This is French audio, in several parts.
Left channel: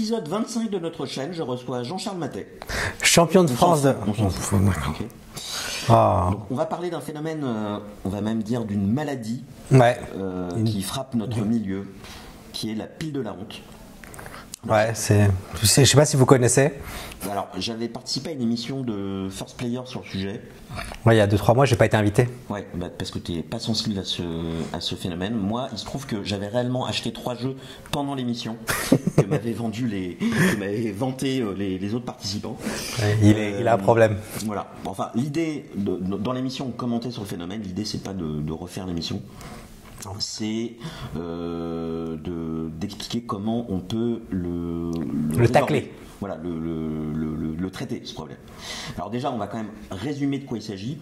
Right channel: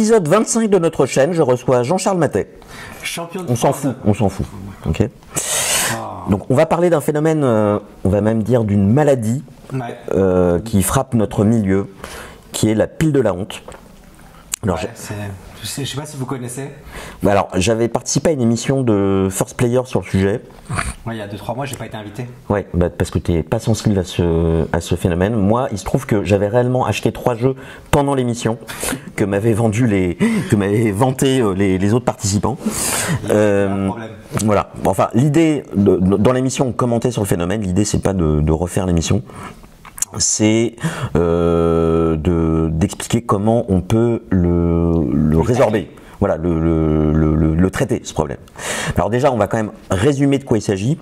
épisode 25 de notre chaîne, je reçois Jean-Charles Matet. Champion de France. On s'en fout. Okay. Oh. Donc on va parler d'un phénomène, on va même dire d'une maladie qui frappe notre milieu, qui est la pile de la honte. Alors, je sais pas si vous connaissez. Alors, j'avais participé à une émission de First Player sur le sujet. Ouais, il y a 2-3 mois, j'ai pas été invité. Ouais, parce que tu n'es pas sensible à ce phénomène. Moi, il se trouve que j'avais réellement acheté 3 jeux pendant l'émission que m'avaient vanté les autres participants. Il y a un problème. Voilà. Enfin, l'idée dans l'émission, on commentait sur le phénomène. L'idée, c'est pas de refaire l'émission. C'est d'expliquer comment on peut le résorber. Voilà, le traiter, ce problème. Alors déjà, on va quand même résumer de quoi il s'agit.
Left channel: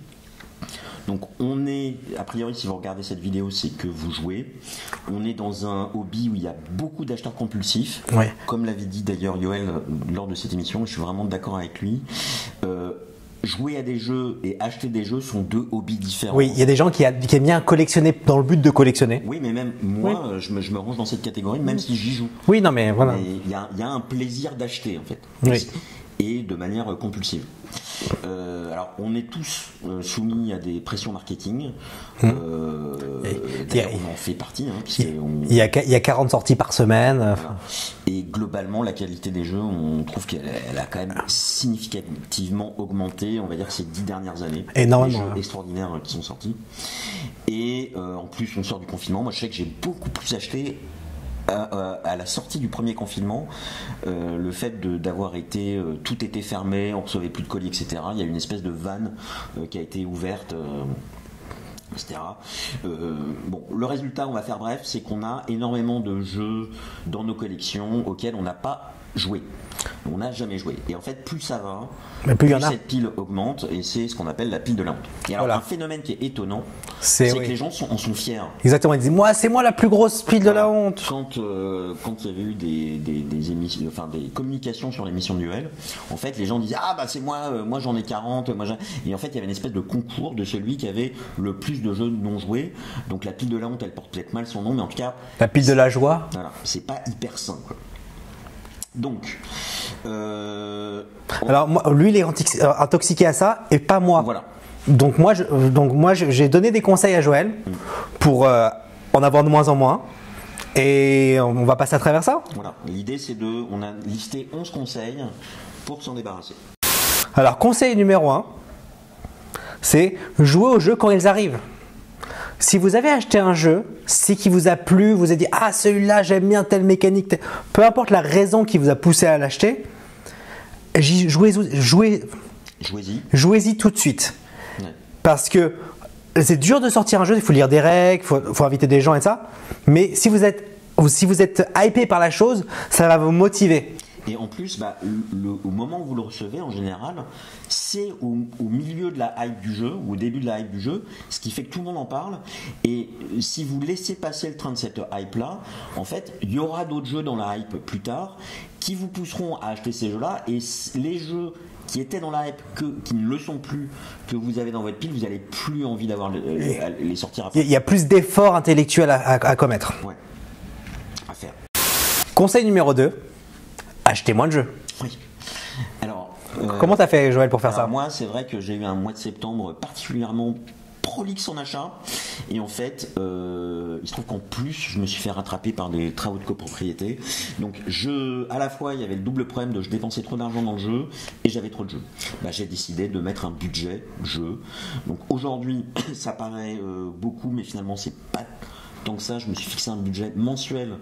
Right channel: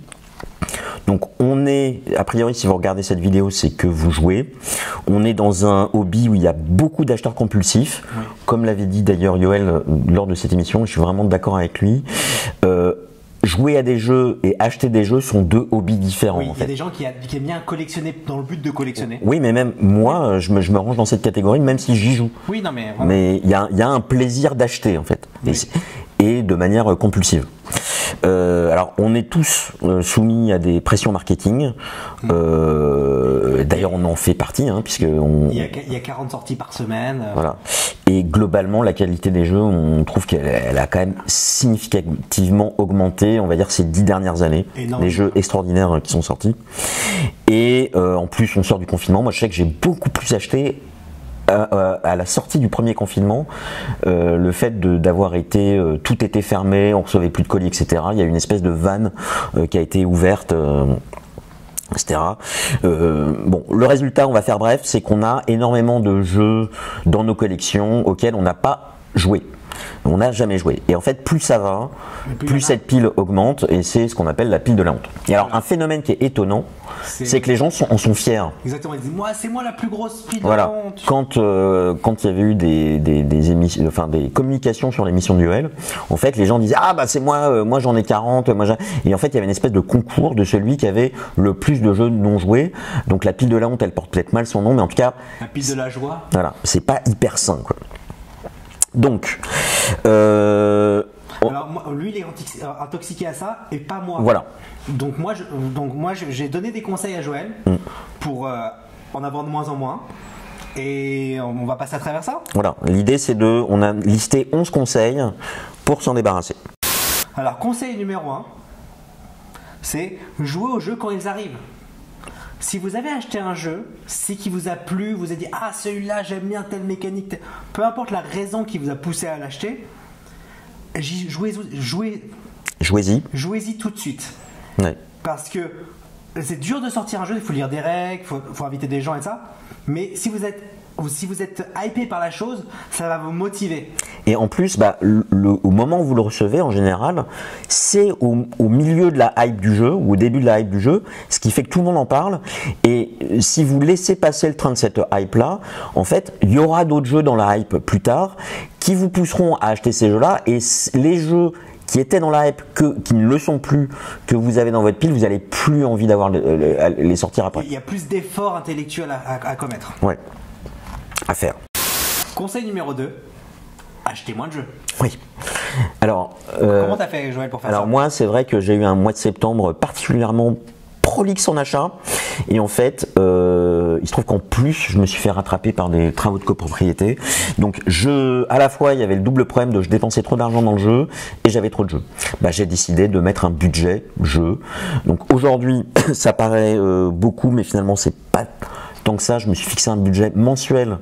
Donc on est, a priori, si vous regardez cette vidéo, c'est que vous jouez. On est dans un hobby où il y a beaucoup d'acheteurs compulsifs. Oui. Comme l'avait dit d'ailleurs Yoel lors de cette émission, je suis vraiment d'accord avec lui. Jouer à des jeux et acheter des jeux sont deux hobbies différents. Oui, il y a des gens qui aiment bien collectionner dans le but de collectionner. Oui, mais même moi, je me range dans cette catégorie, même si j'y joue. Oui, non, mais vraiment. Mais il y a un plaisir d'acheter, en fait. Oui. Et de manière compulsive. Alors, on est tous soumis à des pressions marketing. D'ailleurs, on en fait partie, puisque il y a 40 sorties par semaine. Voilà. Et globalement, la qualité des jeux, on trouve qu'elle a quand même significativement augmenté, on va dire, ces 10 dernières années. Des jeux extraordinaires qui sont sortis. Et en plus, on sort du confinement. Moi, je sais que j'ai beaucoup plus acheté à la sortie du premier confinement, le fait d'avoir été tout était fermé, on recevait plus de colis, etc. Il y a une espèce de vanne qui a été ouverte, etc. Bon, le résultat, on va faire bref, c'est qu'on a énormément de jeux dans nos collections auxquels on n'a pas joué. On n'a jamais joué. Et en fait, plus ça va, plus cette pile augmente, et c'est ce qu'on appelle la pile de la honte. Et alors, un phénomène qui est étonnant, c'est que les gens en sont fiers. Exactement, ils disent c'est moi la plus grosse pile de la honte. Quand il y avait eu des émissions, enfin des communications sur l'émission de Yoel, en fait, les gens disaient c'est moi j'en ai 40, et en fait, il y avait une espèce de concours de celui qui avait le plus de jeux non joués. Donc la pile de la honte, elle porte peut-être mal son nom, mais en tout cas, la pile de la joie. Voilà, c'est pas hyper sain, quoi. Donc, alors lui, il est intoxiqué à ça et pas moi. Voilà. Donc moi, j'ai donné des conseils à Joël pour en avoir de moins en moins. Et on va passer à travers ça. Voilà. L'idée, c'est on a listé 11 conseils pour s'en débarrasser. Alors, conseil numéro 1, c'est jouer aux jeux quand ils arrivent. Si vous avez acheté un jeu, c'est qui vous a plu, vous avez dit celui-là j'aime bien telle mécanique, peu importe la raison qui vous a poussé à l'acheter, jouez-y tout de suite. Ouais. Parce que c'est dur de sortir un jeu, il faut lire des règles, il faut inviter des gens et ça. Mais si vous êtes hypé par la chose, ça va vous motiver. Et en plus, au moment où vous le recevez, en général, c'est au milieu de la hype du jeu, ou au début de la hype du jeu, ce qui fait que tout le monde en parle. Et si vous laissez passer le train de cette hype-là, en fait, il y aura d'autres jeux dans la hype plus tard qui vous pousseront à acheter ces jeux-là. Et les jeux qui étaient dans la hype, qui ne le sont plus, que vous avez dans votre pile, vous n'avez plus envie d'avoir les sortir après. Il y a plus d'efforts intellectuels à commettre. Ouais, à faire. Conseil numéro 2, achetez moins de jeux. Oui. Alors, comment t'as fait, Joël, pour faire ça? Alors moi, c'est vrai que j'ai eu un mois de septembre particulièrement prolixe en achat, et en fait, il se trouve qu'en plus, je me suis fait rattraper par des travaux de copropriété. Donc, à la fois, il y avait le double problème de je dépensais trop d'argent dans le jeu et j'avais trop de jeux. J'ai décidé de mettre un budget jeu. Donc aujourd'hui, ça paraît beaucoup, mais finalement, c'est pas tant que ça. Je me suis fixé un budget mensuel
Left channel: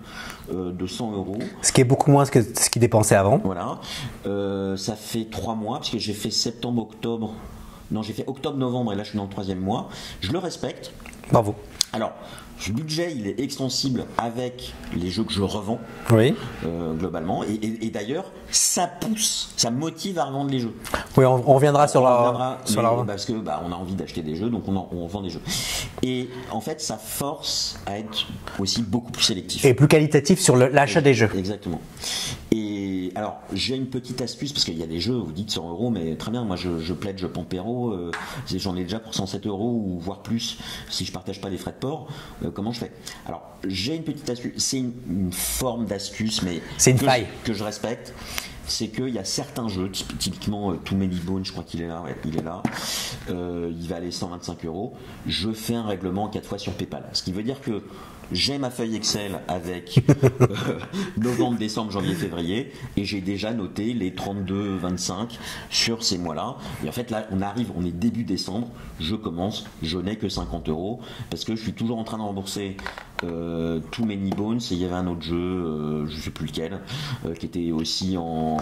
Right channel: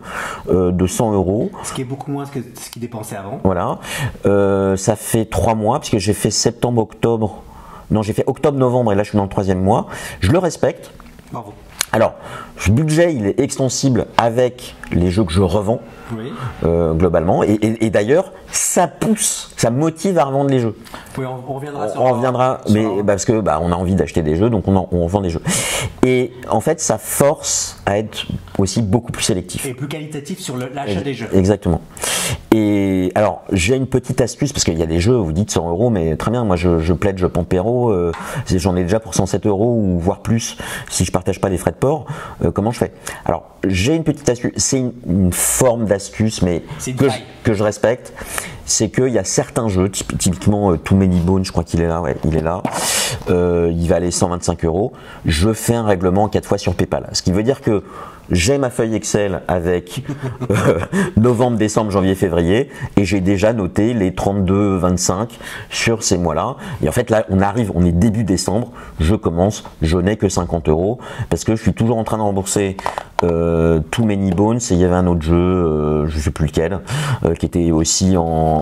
de 100 €. Ce qui est beaucoup moins que ce qu'il dépensait avant. Voilà. Ça fait 3 mois, puisque j'ai fait septembre-octobre. Non, j'ai fait octobre-novembre et là je suis dans le 3e mois. Je le respecte. Bravo. Alors, ce budget, il est extensible avec les jeux que je revends, globalement. Et d'ailleurs, ça pousse, ça motive à revendre les jeux. Oui, on reviendra sur mais parce que on a envie d'acheter des jeux, donc on vend des jeux. Et en fait, ça force à être aussi beaucoup plus sélectif. Et plus qualitatif sur l'achat des jeux. Exactement. Et alors, j'ai une petite astuce, parce qu'il y a des jeux, vous dites 100 €, mais très bien, moi je pledge Pampero, j'en ai déjà pour 107 € ou voire plus si je partage pas les frais de port. transport, comment je fais? Alors, j'ai une petite astuce, c'est une forme d'astuce, mais que je respecte. C'est qu'il y a certains jeux, typiquement Too Many Bones, je crois qu'il est là, ouais, il est là. Il va aller 125 €. Je fais un règlement 4 fois sur PayPal. Ce qui veut dire que j'ai ma feuille Excel avec novembre, décembre, janvier, février, et j'ai déjà noté les 32-25 sur ces mois-là. Et en fait, là, on est début décembre, je n'ai que 50 € parce que je suis toujours en train de rembourser Too Many Bones, et il y avait un autre jeu, je sais plus lequel, qui était aussi en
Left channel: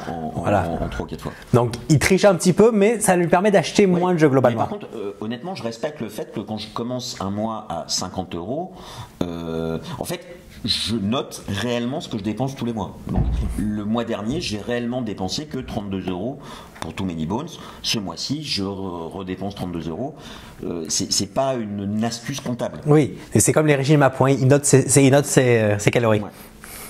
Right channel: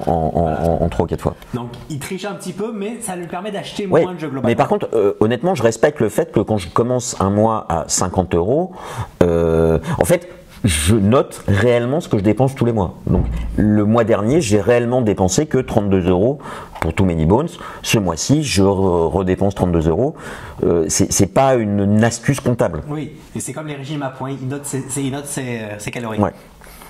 3 ou 4 fois. Donc, il triche un petit peu, mais ça lui permet d'acheter moins de jeux globalement. Mais par contre, honnêtement, je respecte le fait que quand je commence un mois à 50 €, en fait, je note réellement ce que je dépense tous les mois. Donc, le mois dernier, j'ai réellement dépensé que 32 € pour Too Many Bones. Ce mois-ci, je redépense 32 €. C'est pas une astuce comptable. Oui, et c'est comme les régimes à points. Il note ses calories. Ouais.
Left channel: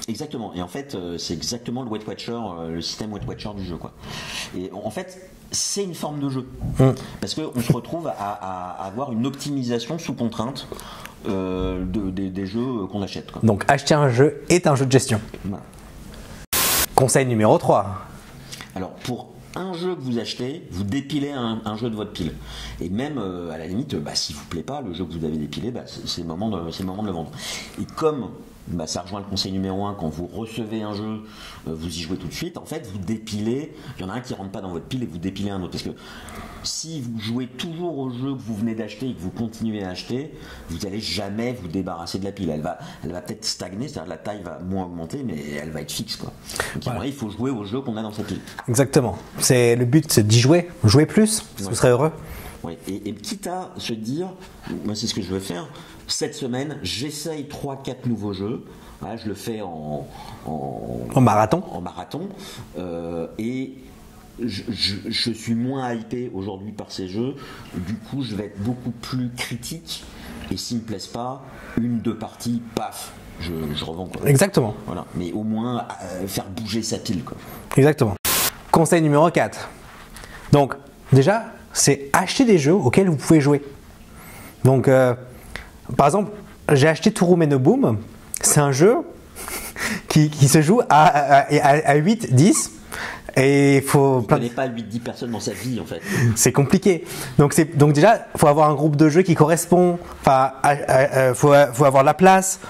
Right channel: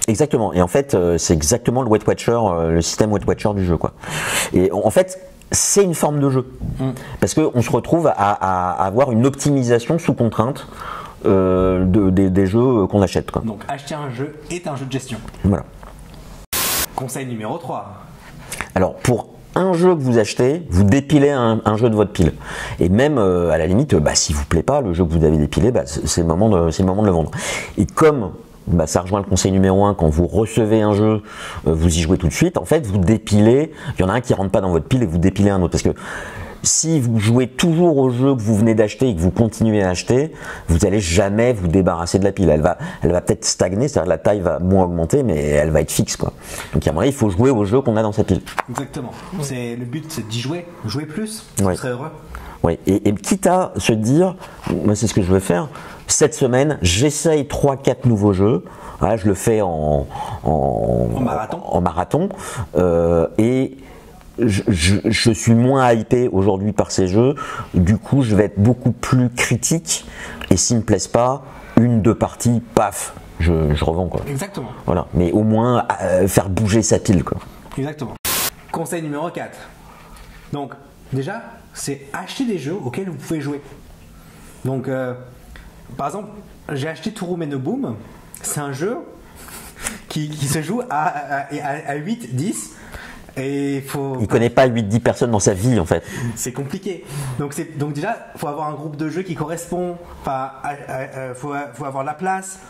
Exactement. Et en fait, c'est exactement le Weight Watcher, le système Weight Watcher du jeu, quoi. Et en fait, c'est une forme de jeu. Parce qu'on se retrouve à avoir une optimisation sous contrainte des jeux qu'on achète, quoi. Donc acheter un jeu est un jeu de gestion. Voilà. Conseil numéro 3. Alors pour un jeu que vous achetez, vous dépilez un jeu de votre pile. Et même à la limite, s'il vous plaît pas, le jeu que vous avez dépilé, c'est le moment de le vendre. Et comme ça rejoint le conseil numéro 1, quand vous recevez un jeu, vous y jouez tout de suite, en fait vous dépilez, il y en a un qui rentre pas dans votre pile et vous dépilez un autre. Parce que si vous jouez toujours au jeu que vous venez d'acheter et que vous continuez à acheter, vous n'allez jamais vous débarrasser de la pile. Elle va peut-être stagner, c'est-à-dire la taille va moins augmenter, mais elle va être fixe, quoi. Donc à un moment, il faut jouer au jeu qu'on a dans sa pile. Exactement. Le but, c'est d'y jouer. Jouer plus, vous serez heureux. Oui. Et quitte à se dire, moi c'est ce que je veux faire, cette semaine, j'essaye 3-4 nouveaux jeux. Voilà, je le fais en marathon. Et je suis moins hypé aujourd'hui par ces jeux, du coup je vais être beaucoup plus critique, et s'ils me plaisent pas, 1-2 parties, paf, je revends, quoi. Exactement. Voilà, mais au moins faire bouger sa pile, quoi. Exactement. Conseil numéro 4. Donc déjà, c'est acheter des jeux auxquels vous pouvez jouer. Donc par exemple, j'ai acheté Turbo No Boom. C'est un jeu qui se joue à 8-10. Et il ne connaît pas 8-10 personnes dans sa vie, en fait. C'est compliqué. Donc déjà, il faut avoir un groupe de jeux qui correspond. Faut avoir la place.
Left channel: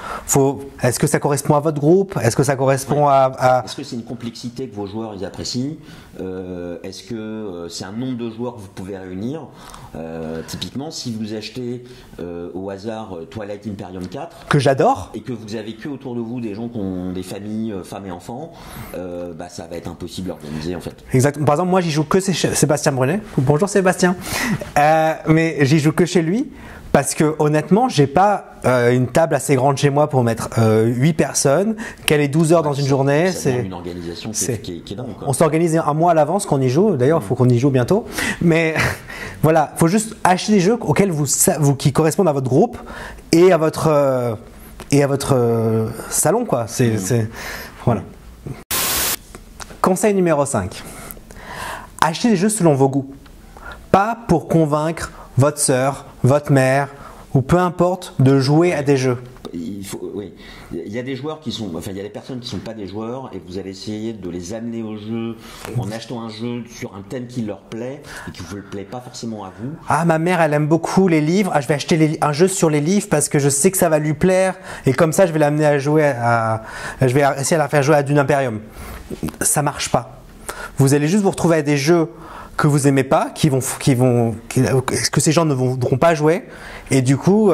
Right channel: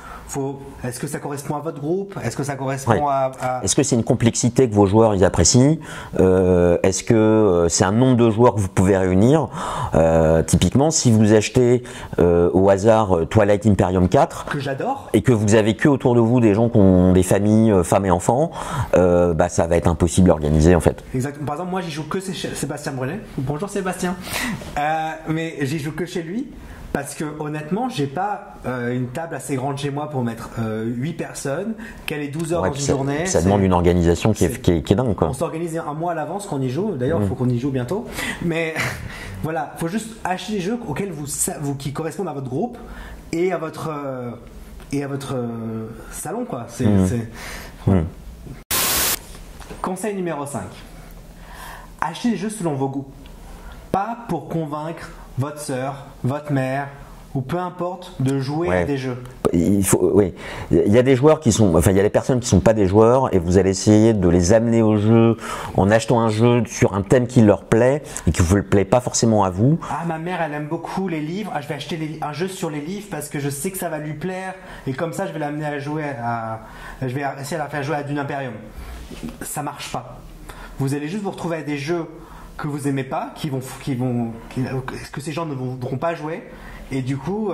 Est-ce que ça correspond à votre groupe? Est-ce que ça correspond à... Est-ce que c'est une complexité que vos joueurs ils apprécient? Est-ce que c'est un nombre de joueurs que vous pouvez réunir? Typiquement, si vous achetez au hasard Twilight Imperium 4, que j'adore, et que vous avez que autour de vous des gens qui ont des familles, femmes et enfants, ça va être impossible à organiser, en fait. Exactement. Par exemple, moi j'y joue que Sébastien Brunet. Bonjour Sébastien. Mais j'y joue que chez lui. Parce que honnêtement, j'ai pas une table assez grande chez moi pour mettre 8 personnes, qu'elle est 12 heures dans une journée. Ça demande une organisation qui est dingue, quoi. On s'organise un mois à l'avance qu'on y joue. D'ailleurs, il faut qu'on y joue bientôt. Mais voilà, il faut juste acheter des jeux auxquels qui correspondent à votre groupe et à votre salon, quoi. Voilà. Conseil numéro 5. Achetez des jeux selon vos goûts. Pas pour convaincre votre sœur, votre mère, ou peu importe, de jouer à des jeux. Il y a des joueurs il y a des personnes qui sont pas des joueurs, et vous allez essayer de les amener au jeu en achetant un jeu sur un thème qui leur plaît et qui vous plaît pas forcément à vous. Ah, ma mère, elle aime beaucoup les livres. Ah, je vais acheter un jeu sur les livres parce que je sais que ça va lui plaire, et comme ça, je vais l'amener à jouer je vais essayer de la faire jouer à Dune Imperium. Ça marche pas. Vous allez juste vous retrouver à des jeux que vous aimez pas, que ces gens ne voudront pas jouer, et du coup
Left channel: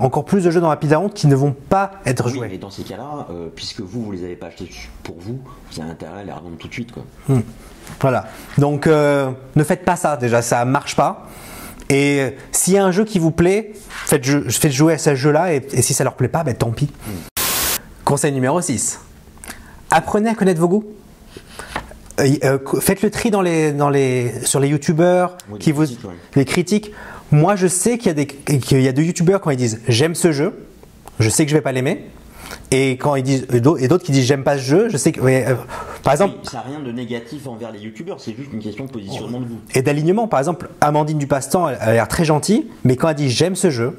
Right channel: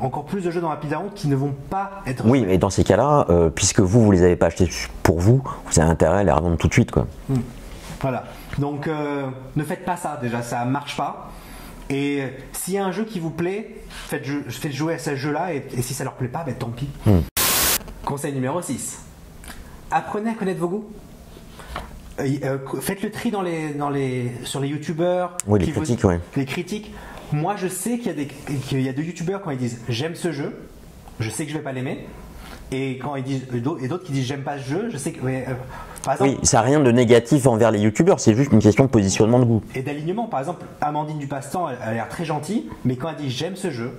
encore plus de jeux dans la pile à honte qui ne vont pas être joués. Oui, mais dans ces cas-là, puisque vous les avez pas achetés pour vous avez intérêt à les revendre tout de suite, quoi. Voilà. Donc ne faites pas ça, déjà, ça marche pas. Et s'il y a un jeu qui vous plaît, faites jouer à ce jeu-là, et si ça leur plaît pas, tant pis. Conseil numéro 6. Apprenez à connaître vos goûts. Faites le tri sur les youtubeurs, les critiques. Moi, je sais qu'il y a des youtubeurs, quand ils disent j'aime ce jeu, je sais que je vais pas l'aimer. Et quand ils disent, et d'autres qui disent j'aime pas ce jeu, je sais que, par exemple, ça n'a rien de négatif envers les youtubeurs, c'est juste une question de positionnement de goût et d'alignement. Par exemple, Amandine du Passe-Temps, elle a l'air très gentille, mais quand elle dit j'aime ce jeu,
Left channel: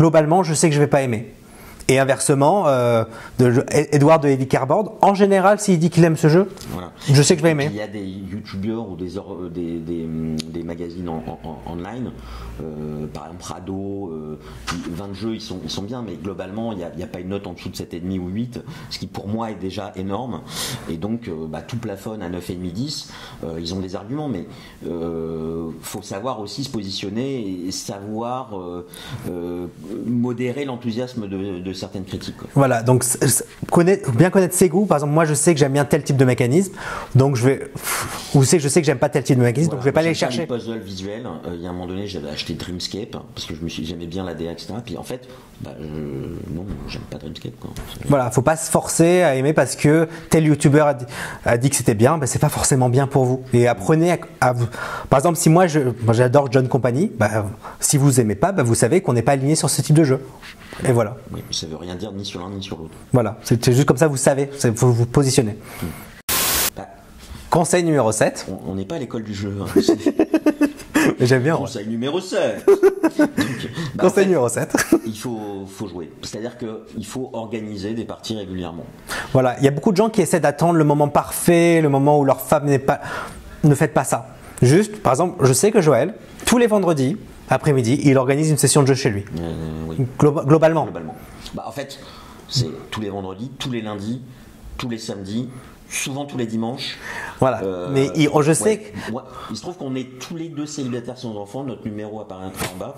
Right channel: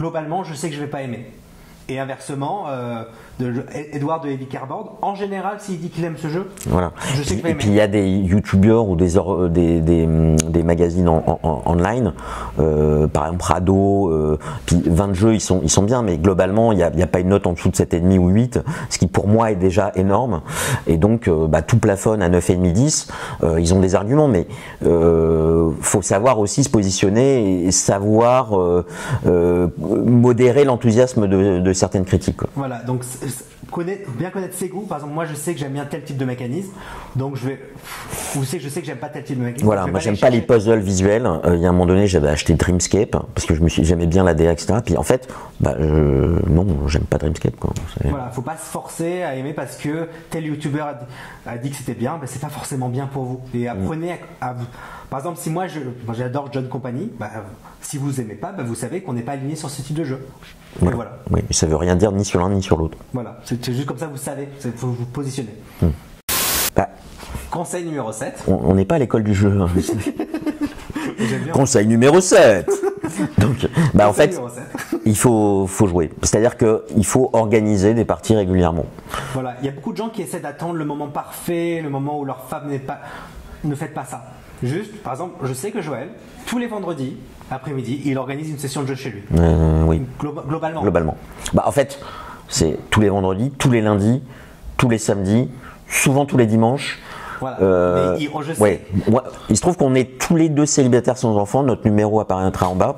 globalement, je sais que je vais pas aimer. Et inversement, Edouard de Heavy Cardboard, en général, s'il dit qu'il aime ce jeu, voilà. Je sais que je vais aimer. Et puis il y a des youtubeurs ou des magazines online, par exemple Rado, puis 20 jeux, ils sont bien, mais globalement, il n'y a pas une note en dessous de 7,5 ou 8, ce qui pour moi est déjà énorme. Et donc, tout plafonne à 9,5, 10. Ils ont des arguments, mais faut savoir aussi se positionner et savoir modérer l'enthousiasme de certaines critiques. Quoi. Voilà, donc bien connaître ses goûts. Par exemple, moi je sais que j'aime bien tel type de mécanisme, donc je sais que j'aime pas tel type de mécanisme. Voilà, donc je vais j'aime pas les puzzles visuels. Il y a un moment donné, j'avais acheté Dreamscape parce que j'aimais bien la DA, etc. Puis en fait, non, j'aime pas Dreamscape. Quoi. Voilà, faut pas se forcer à aimer parce que tel youtubeur a dit que c'était bien, c'est pas forcément bien pour vous. Et apprenez par exemple, si moi j'adore John Company, si vous aimez pas, vous savez qu'on n'est pas aligné sur ce type de jeu. Et voilà. Oui, ça veut rien dire ni sur l'un ni sur l'autre. Voilà, c'est juste comme ça, vous savez, vous vous positionnez. Conseil numéro 7. On n'est pas à l'école du jeu. Hein. J'aime bien. Conseil numéro 7. Donc, en fait, numéro 7. Il faut jouer. C'est-à-dire qu'il faut organiser des parties régulièrement. Voilà, il y a beaucoup de gens qui essaient d'attendre le moment parfait, le moment où leur femme n'est pas. Ne faites pas ça. Juste, par exemple, je sais que Joël, tous les vendredis, après-midi, il organise une session de jeu chez lui. Oui. Globalement. En fait, c'est tous les vendredis, tous les lundis, tous les samedis, souvent tous les dimanches. Voilà. Mais je sais. Ouais. Il se trouve qu'on est tous les deux célibataires sans enfants. Notre numéro apparaîtra en bas.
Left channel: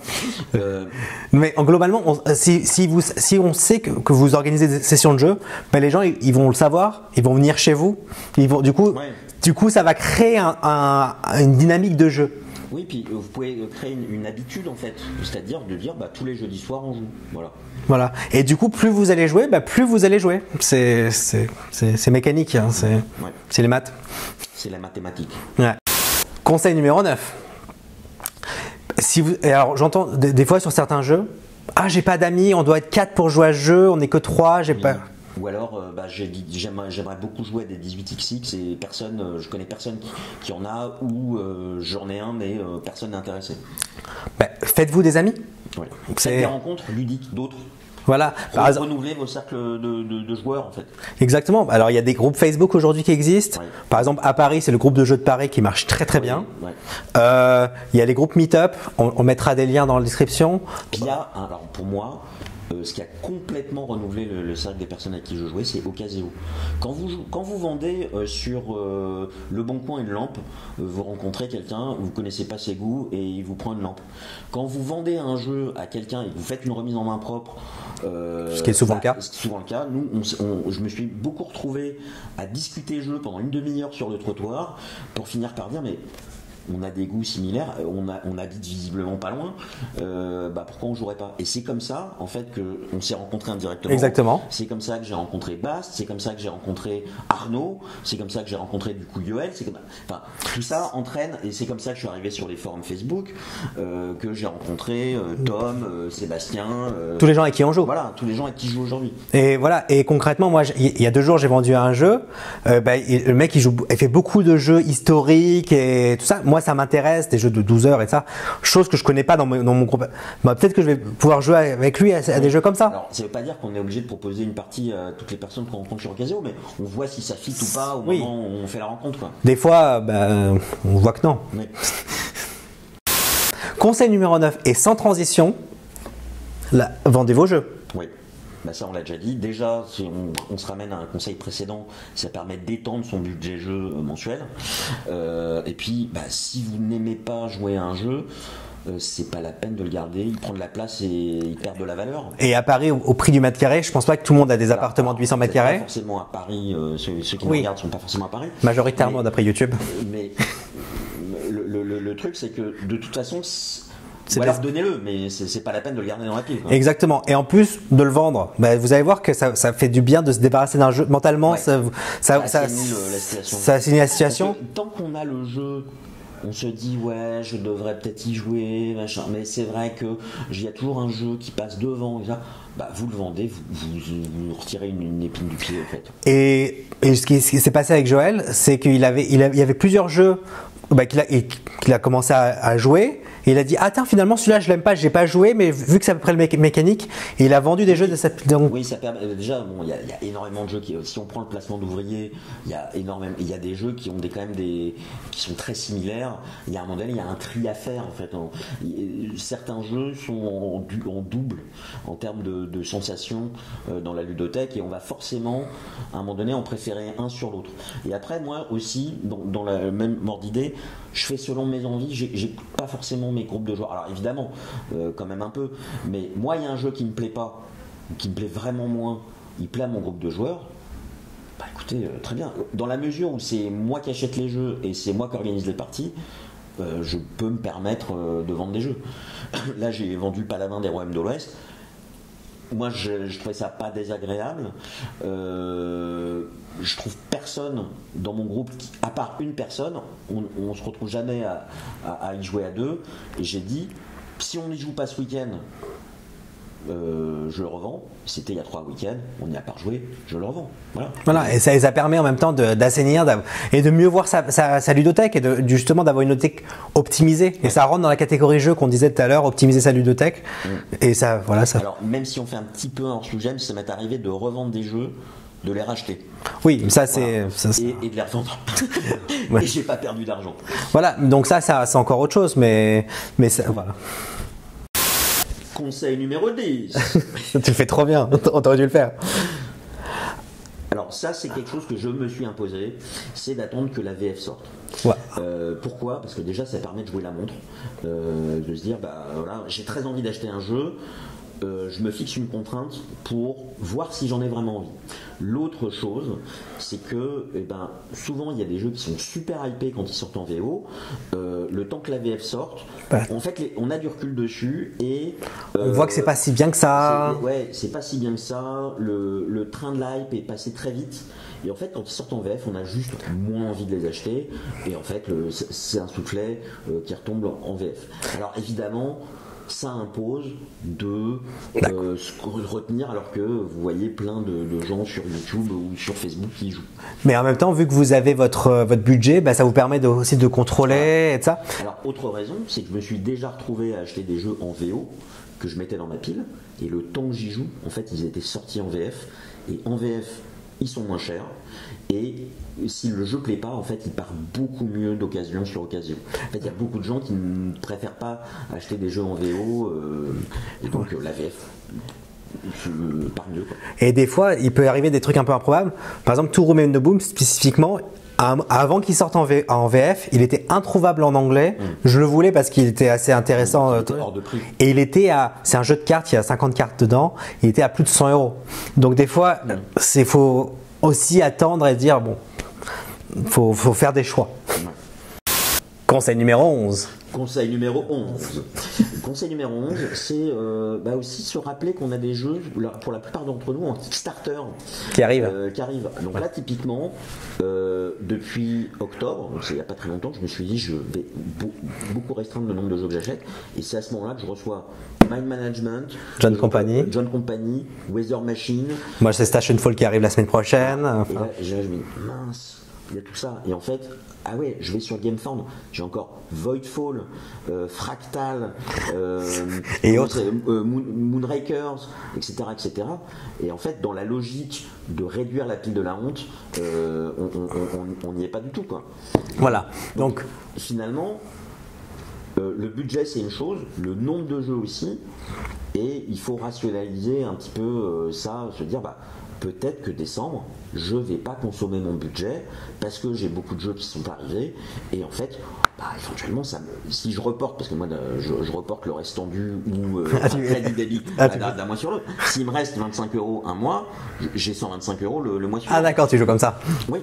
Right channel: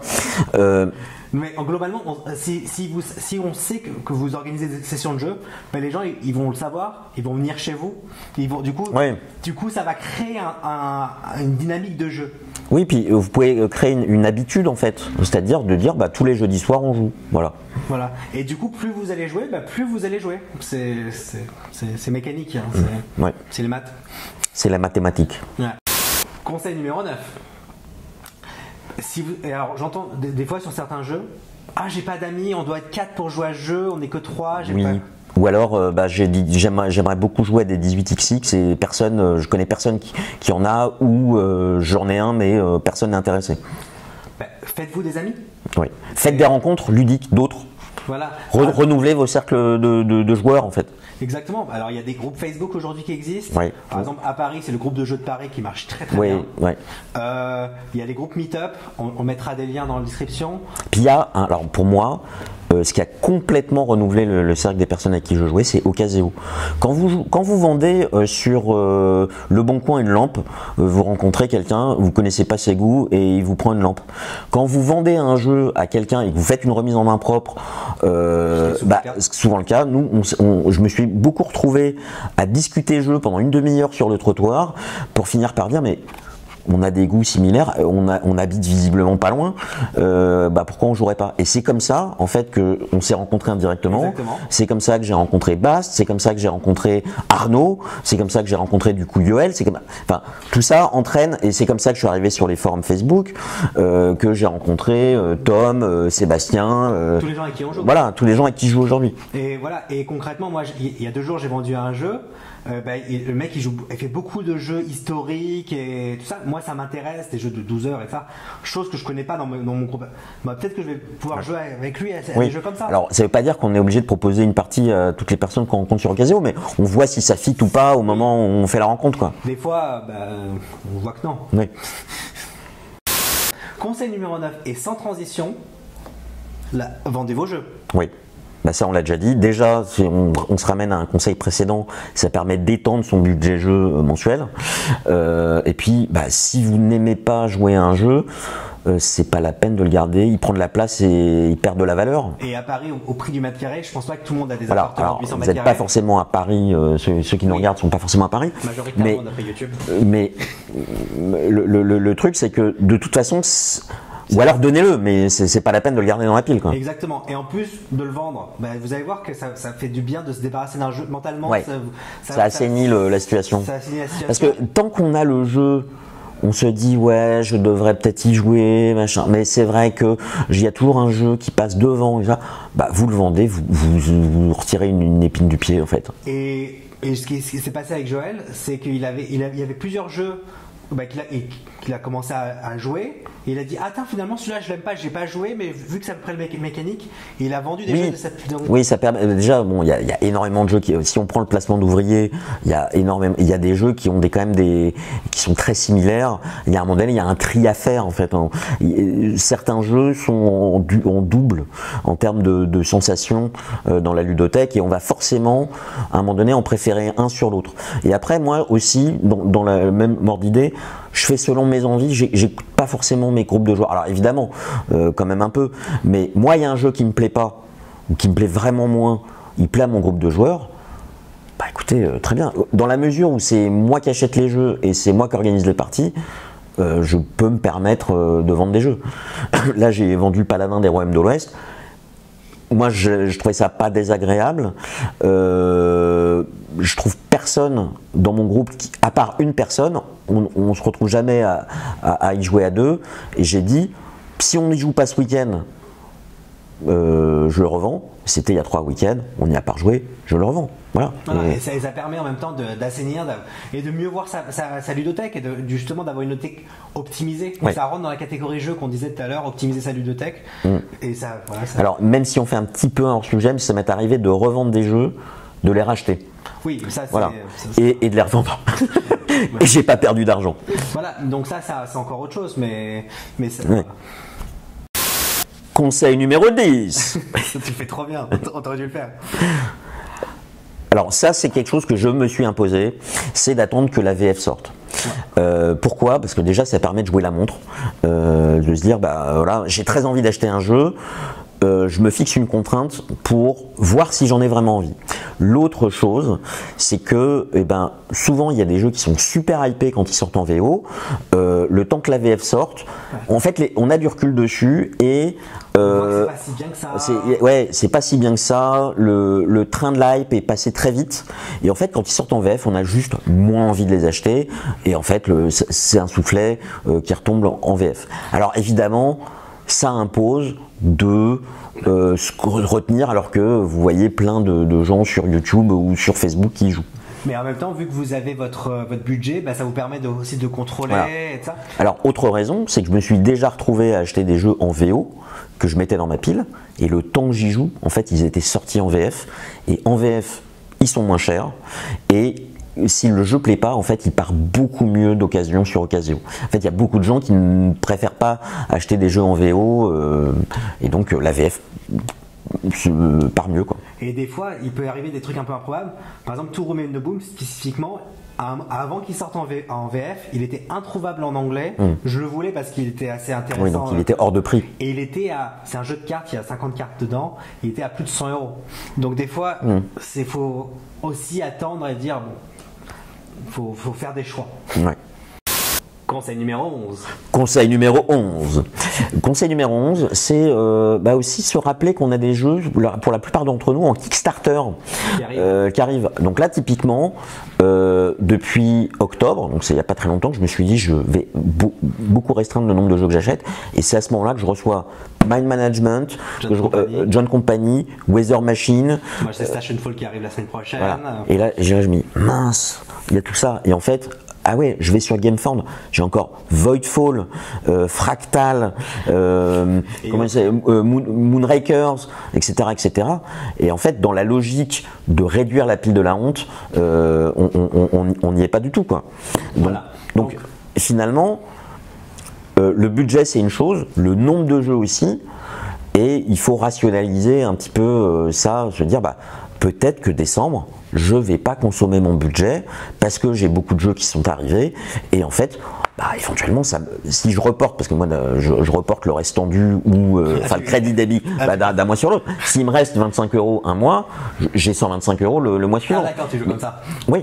Mais globalement, si on sait que vous organisez des sessions de jeu, les gens ils vont le savoir, ils vont venir chez vous. Du coup, ça va créer une dynamique de jeu. Oui, puis vous pouvez créer une habitude en fait, c'est-à-dire de dire tous les jeudis soirs on joue. Voilà. Et du coup, plus vous allez jouer, plus vous allez jouer. C'est mécanique, hein. C'est les maths. C'est la mathématique. Ouais. Conseil numéro 9. Alors j'entends des fois sur certains jeux, j'ai pas d'amis, on doit être 4 pour jouer à ce jeu, on n'est que 3, j'ai pas. Ou alors, j'aimerais beaucoup jouer à des 18XX et je connais personne qui en a, ou j'en ai un mais personne n'est intéressé. Faites-vous des amis. Oui. Faites des rencontres ludiques, d'autres. Voilà. Renouveler vos cercles de joueurs en fait. Exactement. Alors il y a des groupes Facebook aujourd'hui qui existent. Oui. Par exemple à Paris, c'est le groupe de jeux de Paris qui marche très bien. Oui. Il y a les groupes Meetup. On mettra des liens dans la description. Puis il y a, alors pour moi, ce qui a complètement renouvelé le cercle des personnes avec qui je jouais, c'est Ocaseo. Quand vous vendez sur Le Bon Coin une lampe, vous rencontrez quelqu'un, vous connaissez pas ses goûts et il vous prend une lampe. Quand vous vendez un jeu à quelqu'un et que vous faites une remise en main propre, ce qui est souvent le cas, je me suis beaucoup retrouvé à discuter jeu pendant une demi-heure sur le trottoir pour finir par dire mais on a des goûts similaires, on habite visiblement pas loin, pourquoi on jouerait pas? Et c'est comme ça en fait que on s'est rencontrés indirectement. Exactement. C'est comme ça que j'ai rencontré Bast, c'est comme ça que j'ai rencontré Arnaud, c'est comme ça que j'ai rencontré du coup Yoel, tout ça entraîne et c'est comme ça que je suis arrivé sur les forums Facebook, que j'ai rencontré Tom, Sébastien, tous les gens avec qui on joue. Voilà, tous les gens avec qui je joue aujourd'hui. Et voilà, et concrètement moi il y a 2 jours j'ai vendu un jeu, le mec il fait beaucoup de jeux historiques et tout ça. Moi, ça m'intéresse, des jeux de 12 heures et ça, chose que je connais pas dans mon groupe. Peut-être que je vais pouvoir jouer avec lui à des jeux comme ça. Alors, ça veut pas dire qu'on est obligé de proposer une partie à toutes les personnes qu'on rencontre sur Ocaseo, mais on voit si ça fit ou pas au moment où on fait la rencontre, quoi. Des fois, on voit que non. Oui. Conseil numéro 9, et sans transition, vendez vos jeux. Oui. Ça on l'a déjà dit. Déjà, si on se ramène à un conseil précédent, ça permet d'étendre son budget jeu mensuel. Et puis, si vous n'aimez pas jouer à un jeu, c'est pas la peine de le garder. Il prend de la place et il perd de la valeur. Et à Paris, au prix du mètre carré, je pense pas que tout le monde a des appartements de 800 mètres carrés. Pas forcément à Paris. Ceux qui nous regardent sont pas forcément à Paris. Majoritairement d'après YouTube. Mais le truc, c'est que de toute façon. Ou alors donnez-le, mais c'est pas la peine de le garder dans la pile, quoi. Exactement. Et en plus de le vendre, vous allez voir que ça fait du bien de se débarrasser d'un jeu mentalement. Ouais. Ça assainit la situation. Ça assainit la situation. Parce que tant qu'on a le jeu, on se dit je devrais peut-être y jouer, machin. Mais c'est vrai que il y a toujours un jeu qui passe devant et ça. Vous le vendez, vous retirez une épine du pied en fait. Et ce qui s'est passé avec Joël, c'est qu'il y avait plusieurs jeux qu'il a commencé à jouer. Et il a dit attends, finalement celui-là je l'aime pas, j'ai pas joué, mais vu que c'est à peu près le mécanique, et il a vendu des jeux de cette. Donc... Oui, ça permet. Déjà, bon, il y a énormément de jeux si on prend le placement d'ouvriers, il y a des jeux qui ont quand même qui sont très similaires. Il y a un moment donné, il y a un tri à faire en fait. Certains jeux sont en double en termes de sensations dans la ludothèque, et on va forcément à un moment donné en préférer un sur l'autre. Et après, moi aussi, dans la même ordre d'idée, je fais selon mes envies, j'écoute pas forcément mes groupes de joueurs. Alors évidemment, quand même un peu, mais moi il y a un jeu qui me plaît pas, ou qui me plaît vraiment moins, il plaît à mon groupe de joueurs, bah écoutez, très bien. Dans la mesure où c'est moi qui achète les jeux et c'est moi qui organise les parties, je peux me permettre de vendre des jeux. Là j'ai vendu Paladin des Royaumes de l'Ouest. Moi, je trouvais ça pas désagréable. Je trouve personne dans mon groupe, à part une personne, on se retrouve jamais à y jouer à deux. Et j'ai dit, si on n'y joue pas ce week-end, je le revends. C'était il y a 3 week-ends, on n'y a pas rejoué, je le revends. Voilà. Et ça permet en même temps d'assainir et de mieux voir sa ludothèque et justement d'avoir une ludothèque optimisée. Et ça rentre dans la catégorie jeu qu'on disait tout à l'heure, optimiser sa ludothèque. Et ça. Alors, même si on fait un petit peu un hors-sujet, ça m'est arrivé de revendre des jeux, de les racheter. Oui, ça c'est. Voilà. Et de les revendre. Et j'ai pas perdu d'argent. Voilà, donc ça c'est encore autre chose, mais ça. Voilà. Conseil numéro 10. Tu le fais trop bien, on aurait dû le faire. Alors ça, c'est quelque chose que je me suis imposé, c'est d'attendre que la VF sorte. Ouais. Pourquoi ? Parce que déjà, ça permet de jouer la montre, de se dire, voilà, j'ai très envie d'acheter un jeu, je me fixe une contrainte pour voir si j'en ai vraiment envie. L'autre chose, c'est que souvent il y a des jeux qui sont super hypés quand ils sortent en VO. Le temps que la VF sorte, en fait, on a du recul dessus et on voit que c'est pas si bien que ça. C'est pas si bien que ça. Le train de l'hype est passé très vite. Et en fait, quand ils sortent en VF, on a juste moins envie de les acheter. Et en fait, c'est un soufflet qui retombe en VF. Alors évidemment, ça impose de se retenir, alors que vous voyez plein de gens sur YouTube ou sur Facebook qui y jouent. Mais en même temps, vu que vous avez votre budget, ça vous permet aussi de contrôler et de ça. Alors, autre raison, c'est que je me suis déjà retrouvé à acheter des jeux en VO que je mettais dans ma pile, et le temps que j'y joue, en fait, ils étaient sortis en VF, et en VF, ils sont moins chers, et si le jeu plaît pas, en fait, il part beaucoup mieux d'occasion sur occasion. En fait, il y a beaucoup de gens qui ne préfèrent pas acheter des jeux en VO, et donc la VF part mieux, quoi. Et des fois, il peut arriver des trucs un peu improbables. Par exemple, Two Remain the Boom, spécifiquement, avant qu'il sorte en VF, il était introuvable en anglais. Je le voulais parce qu'il était assez intéressant. Oui, il était hors de prix. Et il était c'est un jeu de cartes, il y a 50 cartes dedans, il était à plus de 100 €. Donc des fois, il faut aussi attendre et dire, bon, faut faire des choix. Ouais. Conseil numéro 11. Conseil numéro 11. Conseil numéro 11, c'est aussi se rappeler qu'on a des jeux, pour la plupart d'entre nous, en Kickstarter qui arrivent. Donc là, typiquement, depuis octobre, donc c'est il n'y a pas très longtemps, que je me suis dit je vais beaucoup restreindre le nombre de jeux que j'achète. Et c'est à ce moment-là que je reçois Mind Management, John Company, Weather Machine. Moi, c'est Station Fall qui arrive la semaine prochaine. Voilà. Et là, je me dis, mince, il y a tout ça. Et en fait, ah ouais, je vais sur Gamefound, j'ai encore Voidfall, Fractal, Moonrakers, etc., etc. Et en fait, dans la logique de réduire la pile de la honte, on n'y est pas du tout, quoi. Voilà. Donc finalement, le budget c'est une chose, le nombre de jeux aussi, et il faut rationaliser un petit peu ça, se dire peut-être que décembre, je vais pas consommer mon budget parce que j'ai beaucoup de jeux qui sont arrivés, et en fait, éventuellement, si je reporte, parce que moi je reporte le reste tendu ou le crédit débit d'un mois sur l'autre, s'il me reste 25 € un mois, j'ai 125 € le mois suivant. Ah d'accord, tu joues comme ça. Oui,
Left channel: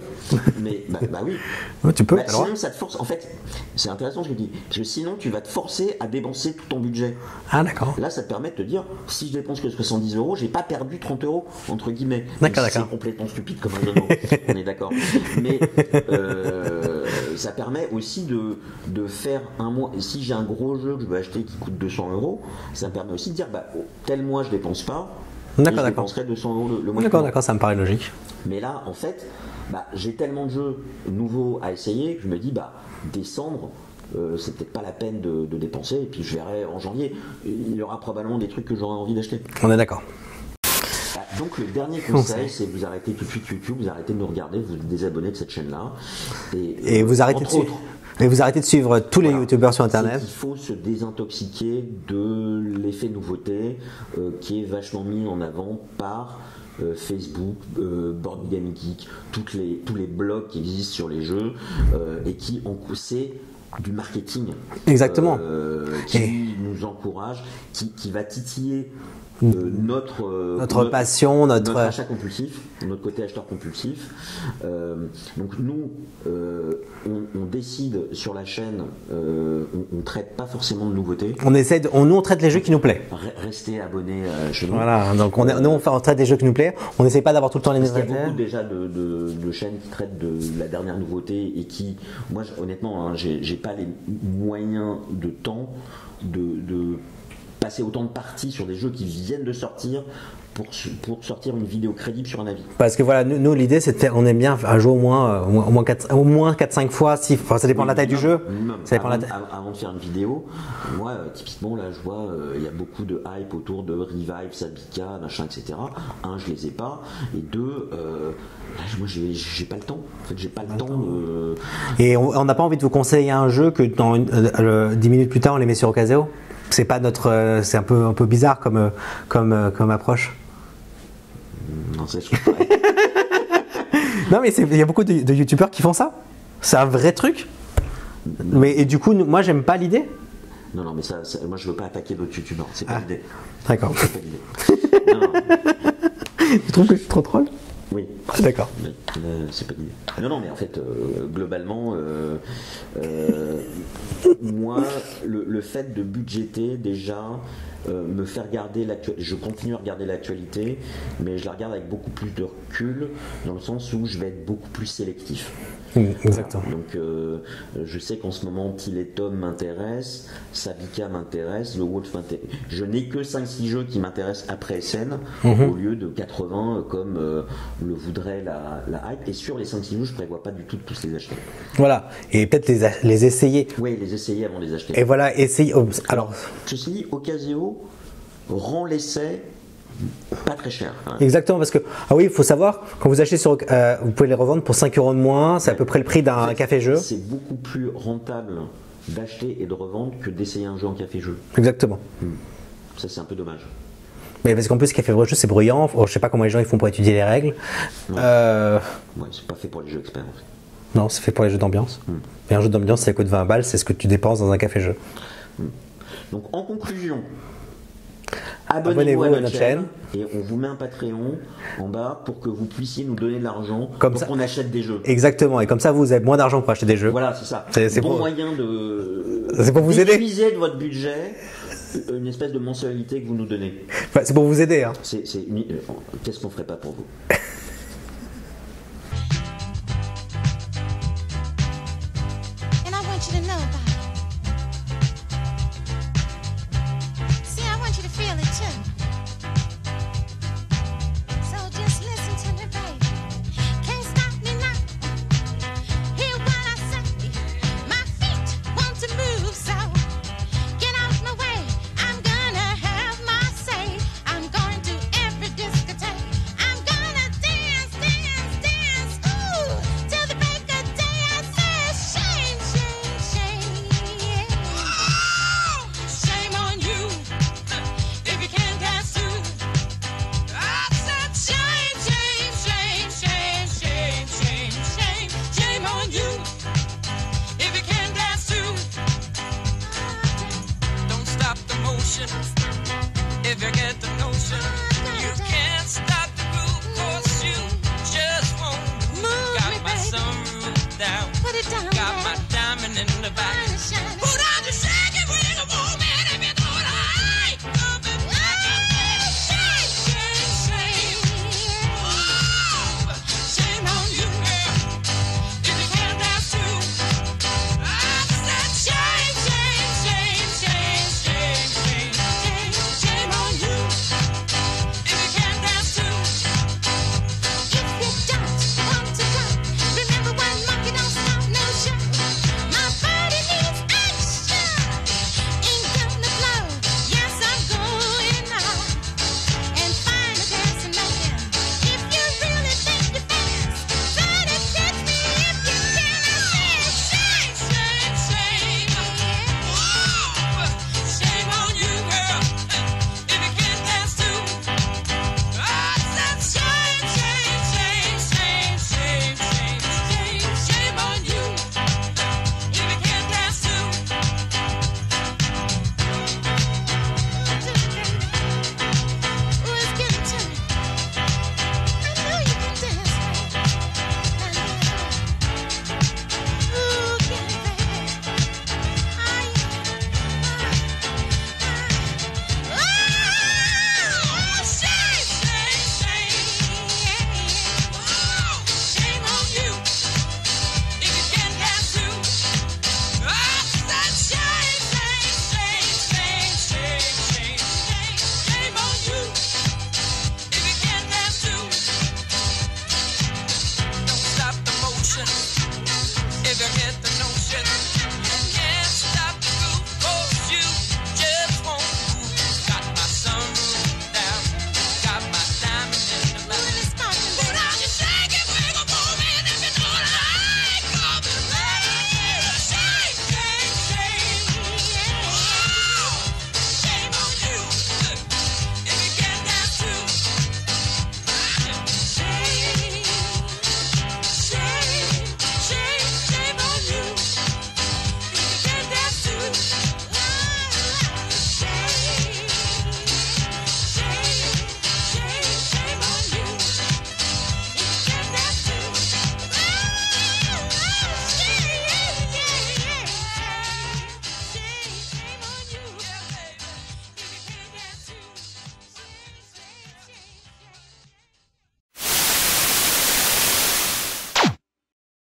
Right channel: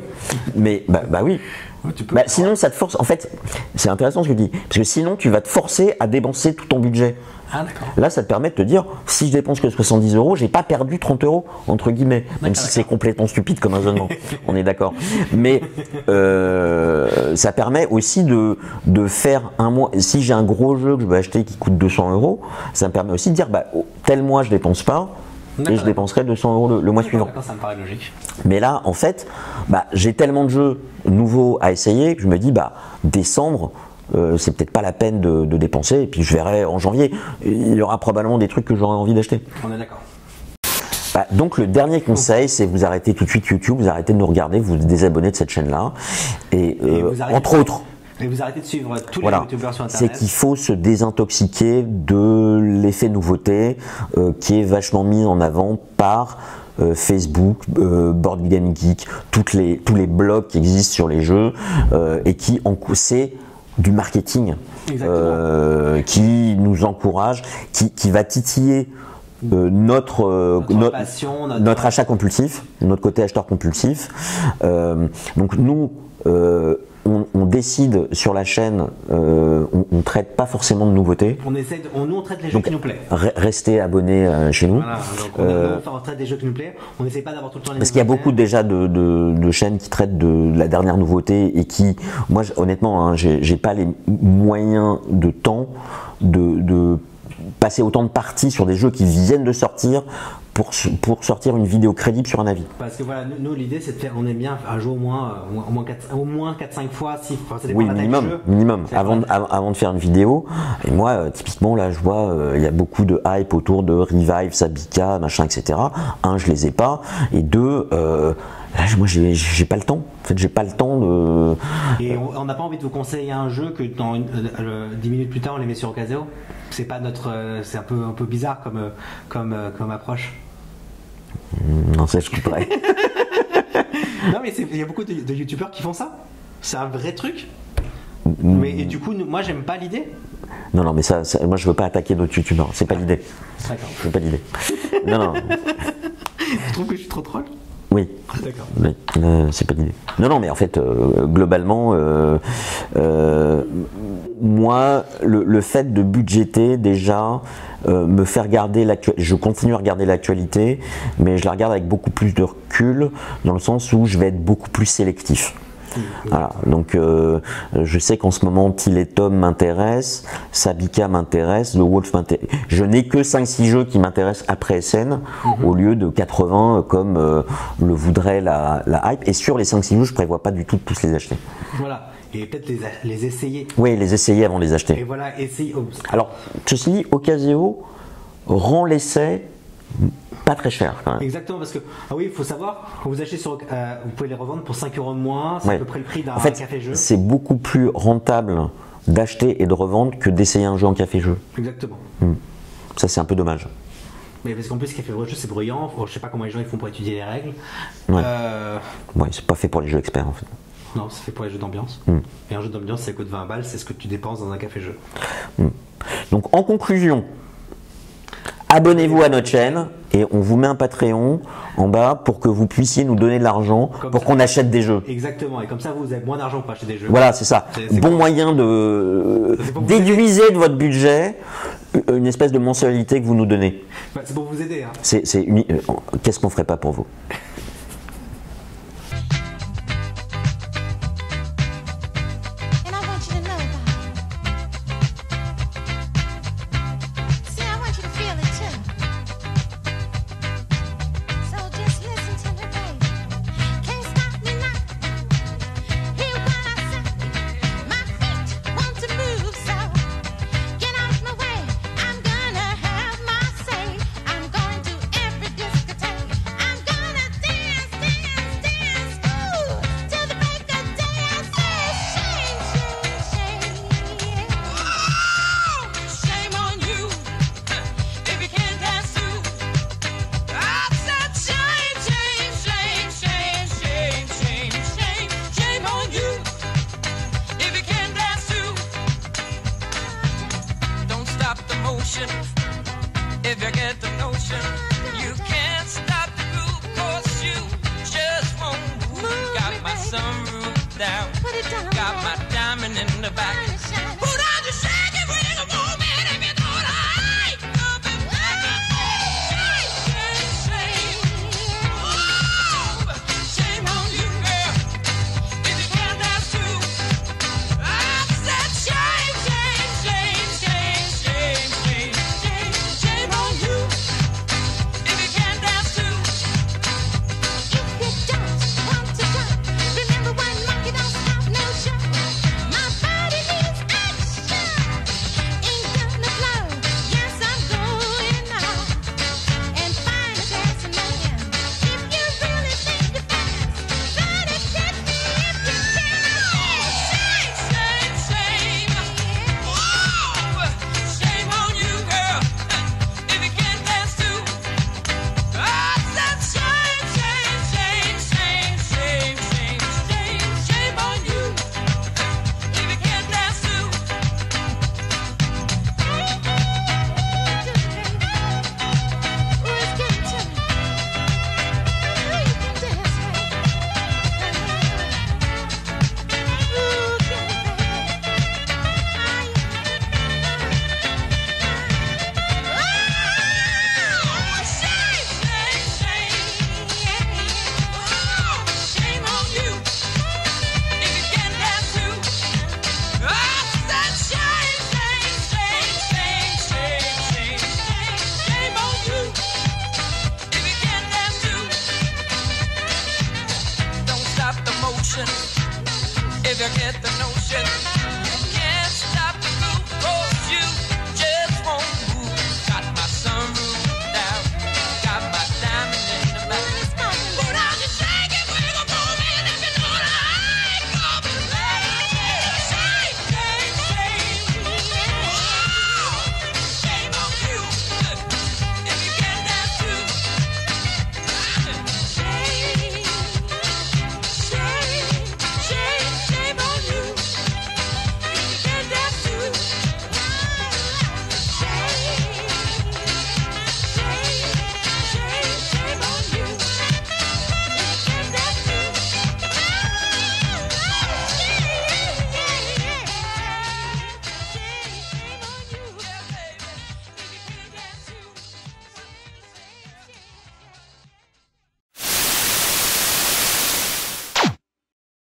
mais oui. Oui, tu peux. Sinon, ça te force. En fait, c'est intéressant ce que tu dis, parce que sinon, tu vas te forcer à dépenser tout ton budget. Ah d'accord. Là, ça te permet de te dire, si je dépense que 70 €, j'ai pas perdu 30 € entre guillemets. Même si c'est complètement stupide comme raisonnement. On est d'accord. Mais ça permet aussi de faire un mois. Si j'ai un gros jeu que je veux acheter qui coûte 200 €, ça me permet aussi de dire, tel mois je dépense pas. Et je dépenserai 200 € le mois suivant. D'accord, ça me paraît logique. Mais là, en fait, j'ai tellement de jeux nouveaux à essayer que je me dis, décembre, c'est peut-être pas la peine de dépenser. Et puis je verrai en janvier, il y aura probablement des trucs que j'aurai envie d'acheter. On est d'accord. Donc le dernier conseil, c'est vous arrêtez tout de suite YouTube, vous arrêtez de nous regarder, vous vous désabonnez de cette chaîne-là. Et vous arrêtez entre autres. Et vous arrêtez de suivre tous les youtubeurs sur Internet. C'est qu'il faut se désintoxiquer de l'effet nouveauté qui est vachement mis en avant par Facebook, Board Game Geek, tous les blogs qui existent sur les jeux et qui c'est du marketing. Exactement. Qui nous encourage, qui va titiller notre passion, notre achat compulsif, notre côté acheteur compulsif. Donc nous, on décide sur la chaîne, on traite pas forcément de nouveautés. Nous on traite les jeux qui nous plaisent. Restez abonnés chez nous. Voilà, donc on traite des jeux qui nous plaisent. On n'essaie pas d'avoir tout le temps les mêmes. Parce qu'il y a beaucoup déjà de chaînes qui traitent de la dernière nouveauté et qui, moi honnêtement, hein, j'ai pas les moyens de temps de passer autant de parties sur des jeux qui viennent de sortir pour sortir une vidéo crédible sur un avis. Parce que voilà, nous l'idée c'est de faire, on aime bien un jeu au moins 4-5 fois, ça dépend de la taille du jeu. Minimum, avant de faire une vidéo. Et moi, typiquement, là, je vois, il y a beaucoup de hype autour de Revive, Sabika, machin, etc. Un, je les ai pas. Et deux, moi j'ai pas le temps. En fait, j'ai pas le temps de. Et on n'a pas envie de vous conseiller un jeu que dans 10 minutes plus tard on les met sur Ocaseo. C'est pas c'est un peu bizarre comme approche. Non, c'est ce que je pourrais. Non, mais il y a beaucoup de youtubeurs qui font ça. C'est un vrai truc. Mais et du coup, moi, j'aime pas l'idée. Non, mais ça, moi, je veux pas attaquer d'autres youtubeurs. C'est pas l'idée. D'accord. C'est pas l'idée. Non. Tu trouves que je suis trop troll? Oui. D'accord. Oui, c'est pas l'idée. Non, mais en fait, globalement, moi, le fait de budgéter déjà, me faire regarder l'actualité, je continue à regarder l'actualité, mais je la regarde avec beaucoup plus de recul, dans le sens où je vais être beaucoup plus sélectif. Voilà. Donc je sais qu'en ce moment Till et Tom m'intéresse, Sabika m'intéresse, The Wolf m'intéresse. Je n'ai que 5-6 jeux qui m'intéressent après SN au lieu de 80 comme le voudrait la hype. Et sur les 5-6 jeux, je prévois pas du tout de tous les acheter. Voilà, et peut-être les essayer. Oui, les essayer avant de les acheter. Et voilà, essayer. Alors, ceci dit, Ocaseo rend l'essai pas très cher. Exactement, parce que il faut savoir, quand vous achetez vous pouvez les revendre pour 5 € de moins, c'est à peu près le prix d'un café-jeu. C'est beaucoup plus rentable d'acheter et de revendre que d'essayer un jeu en café-jeu. Exactement. Ça, c'est un peu dommage. Mais parce qu'en plus, café-jeu, c'est bruyant. Je sais pas comment les gens ils font pour étudier les règles. Ouais, c'est pas fait pour les jeux experts en fait. Non, c'est fait pour les jeux d'ambiance. Et un jeu d'ambiance, ça coûte 20 balles, c'est ce que tu dépenses dans un café-jeu. Donc, en conclusion, abonnez-vous à notre chaîne et on vous met un Patreon en bas pour que vous puissiez nous donner de l'argent pour qu'on achète des jeux. Exactement, et comme ça vous avez moins d'argent pour acheter des jeux. Voilà, c'est ça. C'est bon moyen de déduiser de votre budget une espèce de mensualité que vous nous donnez. C'est pour vous aider. Hein. Qu'est-ce qu'on ferait pas pour vous?